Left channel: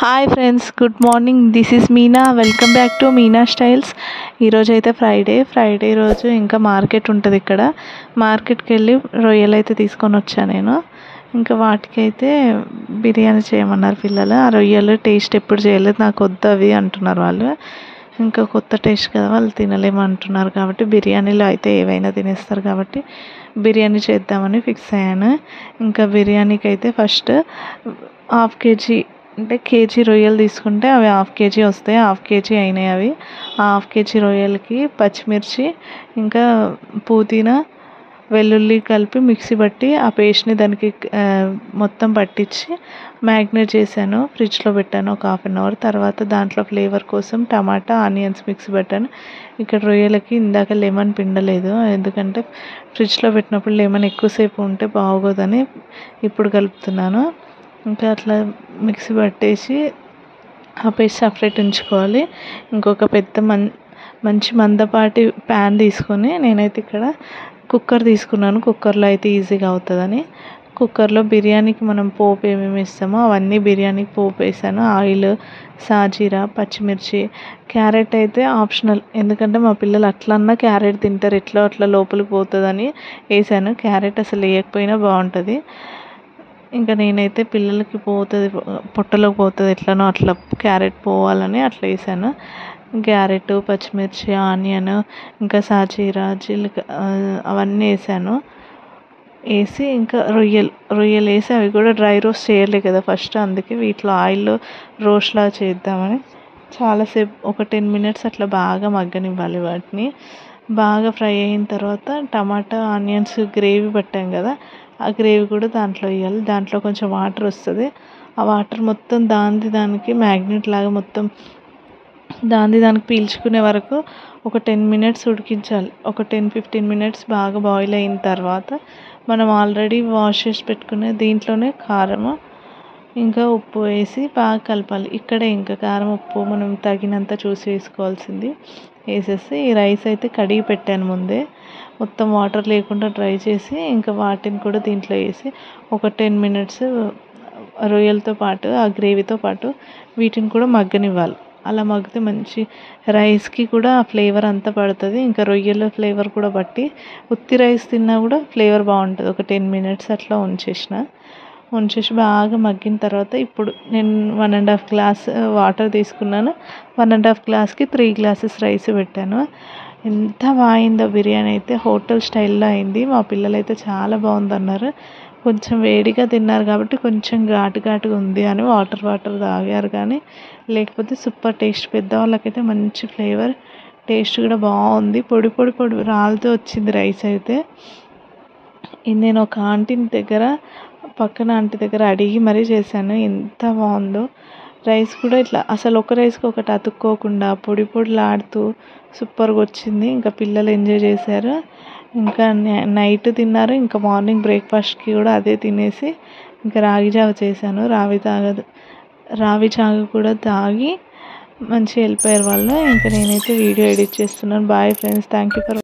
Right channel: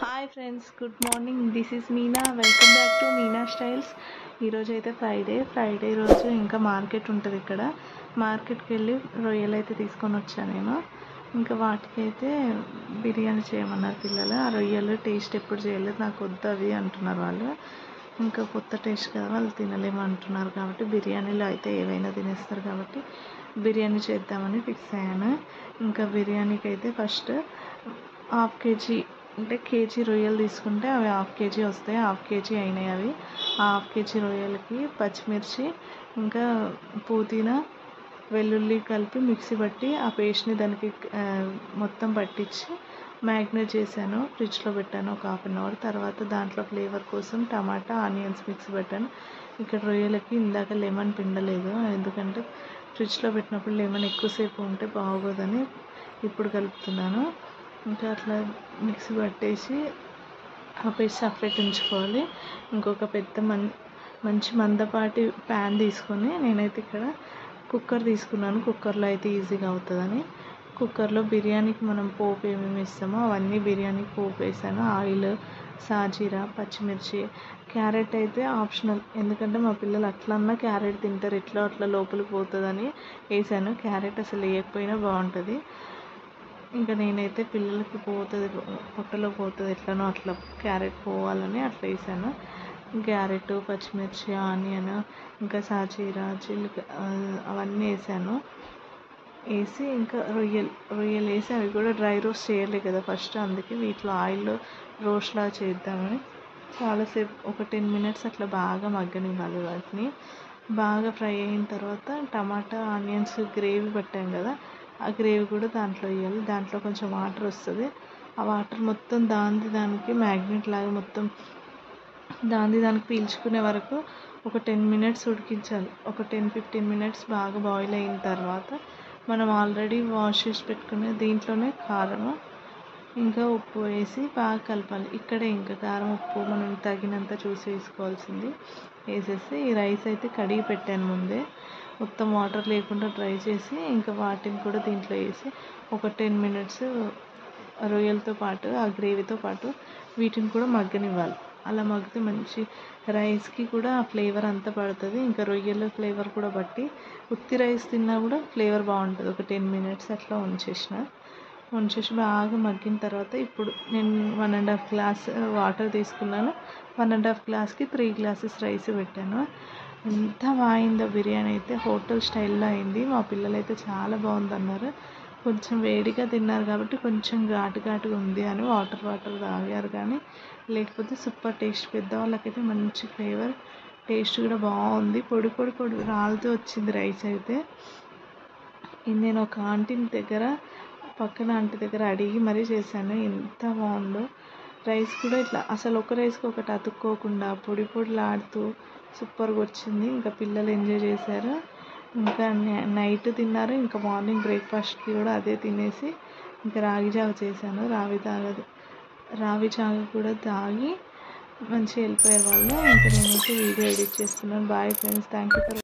Hi friends, good morning. This is Meena. Welcome back to Meena styles. ఈరోజు అయితే Friday రోజు ఇంకా మార్కెట్ ఉంటుంది ఇక్కడ. మార్కెట్కి వెళ్ళి రొయ్యలు అయితే తీసుకొని వచ్చాను నేను. ఇంకా వాటికైతే బిర్యానీ చేయమన్నారు పిల్లలు. ఆ రొయ్యలు టేస్ట్ ఎప్పుడు చేయలేదు, నాకు వద్దు అవి అంటున్నారు వాళ్ళు. ఇంకా కొత్త టేస్ట్ కదా, వాళ్ళు తినలేమంటున్నారు కాబట్టి బిర్యానీలో అయితే ఏవైనా తినేస్తారు కాబట్టి బిర్యానీ చేద్దామని ఫిక్స్ అయ్యాను. ఇంకా బిర్యానీకి అయితే ఫస్ట్ హాఫ్ కేజీ అంటే కేజీ రొయ్యలు తీసుకుంటే అవి హాఫ్ కేజీ వస్తాయి. హాఫ్ కేజీ అయినాయి అవి. హాఫ్ కేజీ రొయ్యలకి పచ్చిమిర్చి ఇంకా పుదీనా వెల్లుల్లి కలిపి మిక్సీ పట్టి ఆ పేస్ట్ని దానికి మొత్తం పట్టించి మ్యాగ్నేట్ చేశాను. ఫ్రిడ్జ్లో పెట్టాను ఒక హాఫ్ అన్ అవర్. తర్వాత దాంట్లో ఫ్లేవర్ కోసం టమాటా ఆనియన్స్ మిక్సీ పెట్టాను. ఇక్కడ రొయ్యలకి ఇందాక లెమన్ పిండలేదు, ఎందుకంటే ఫ్రిడ్జ్లో పెట్టినప్పుడు లెమన్ ఎక్కువసేపు ఉంటే బాగోదని ఇప్పుడు కలుపుతున్నాను. ఇంకా అట్లా మిక్సీ పట్టేసి ఆ పేస్ట్ సపరేట్ ఉంచుకోవాలి. ఇంకొక పెద్ద మంచి మందపాటి ప్యాన్ తీసుకొని నేనైతే ఇక్కడ కుక్కర్ తీసుకున్నాను. కుక్కర్లో అయితే ఈజీగా అవుతుందని కుక్కర్లో బిర్యానీకి మనం పోపు ఏమేమి ఇస్తామో అవన్నీ బిర్యానీకి పోపు వేసాను. ఆయిల్, సాజీరా, పచ్చిమిర్చి, క్యారెట్ అయితే ఆప్షనల్, ఎందుకంటే మా పిల్లలు అట్లన్నా క్యారెట్ తింటారు, ఎట్లా అట్లా లోపలికి పోతుందని వేసాను. క్యారెట్ అసలు వేయకపోయినా బాగుంటుంది. ఇంకా నేనైతే పిల్లలకి పోతుంది, పొట్టలోకి పోతుంది ఎట్లనో అట్లా క్యారెట్ పోవాలని అట్లా వేసాను. క్యారెట్, పచ్చిమిర్చి, ఆనియన్, ఇంకా సాజీరా, అవన్నీ వేసాను. వేసి ఇంకా రొయ్యలు వేసి అవి కూడా డ్రై రోస్ట్ చేయలే కదా ఫస్ట్, అందుకే వీటిలో ఆయిల్లో రోస్ట్లా చేద్దామని చాలాసేపు ఒక 10 minutes అట్లా బాగా మగ్గనివ్వాలి. వాటిని బాగా ఫ్రై అయిన తర్వాత టమాటా ఆనియన్స్ గ్రేవీ పట్టాం కదా, ఆ గ్రేవీ కూడా దాంట్లో వేయాలి. దాంట్లో కొంచెం వాటర్ వస్తుంది. ఆ వాటర్ మొత్తం దానికి మ్యాగ్నెట్ లాగా మొత్తం దానికి పీల్చుకునే వరకు ఒక 10 minutes ఉడికించాలి. ఒక 10-15 minutes బాగా బాయిల్ అయిన తర్వాత మనం ఆల్రెడీ వాష్ చేసి పెట్టుకునే దీంట్లోనే కారము ఇంకా ఉప్పు వేసి బాగా కలపాలి. ఇక్కడే ఇంకా కారం ఉప్పు మనం తగినంత చూసి వేసుకోవాల్సింది వేసేసి ఈ రైస్ అయితే కడిగి పెట్టాను ముందే, మొత్తం వాటర్ లేకుండా డ్రై చేసి ఇంకా వాటిని కూడా దీంట్లో వేసి ఒక 10 minutes రొయ్యలతో పాటు ఆ గ్రేవీతో పాటు వీటిని కూడా మగ్గనివ్వాలి. అలా మగ్గితే మంచి రైస్కి కూడా ఆ ఫ్లేవర్ అంతా పడుతుంది. ఇంకా రొయ్యల ఫ్లేవర్ కూడా బట్టి ఉత్తి రైస్ తిన్నా కూడా ఫ్లేవర్ బాగుంటుంది. ఒక 10 minutes అట్లా ఉంచేసి బాగా మగ్గిన తర్వాత ఇప్పుడు నేను 1.5 glass వాటర్ తీసుకున్నాను. 1.5 glassకి 3 glasses రైస్ పెట్టాను. ఎంత బాగుందో బిర్యానీ అయితే, హోటల్ స్టైల్లో అయింది. మా పిల్లలు అయితే చాలా బాగుందన్నారు. కొంచెం వేడిగా తిన్నారు కాబట్టి కొంచెం ఘాటుగా ఉంది అని వాటర్ తాగారు, కానీ లేకపోతే సూపర్ టేస్ట్. పెద్దవాళ్ళకైతే మంచి ఫ్లేవర్, టేస్ట్ కూడా బాగుంది. పొడి రాలుతూ వచ్చింది రైస్ అయితే. నేను ఒక పక్కన ఆంటీ దగ్గర అడిగి మరీ చేశాను. ఎంత బాగుందో రైస్ కూడా, ఇట్లా అసలు ఒక రైస్కి ఒకటి అతుక్కోకుండా పొడిలాడుతూ సూపర్గా వచ్చింది. ఇంకా పిల్లలు ఎంజాయ్ చేశారు. ఇంకా నైట్ తిన్నారు. ఇంకా మార్నింగ్ బ్రేక్ఫాస్ట్కి కూడా అదే తినేసి ఇంకా రాగి జావ చేశాను. రావి జావ కూడా తాగి మంచిగా వెళ్ళిపోయారు వాళ్ళు. ఇంకా నేనైతే వీడియో ఎడిట్ చేస్తున్నాను. Bye friends, thank you for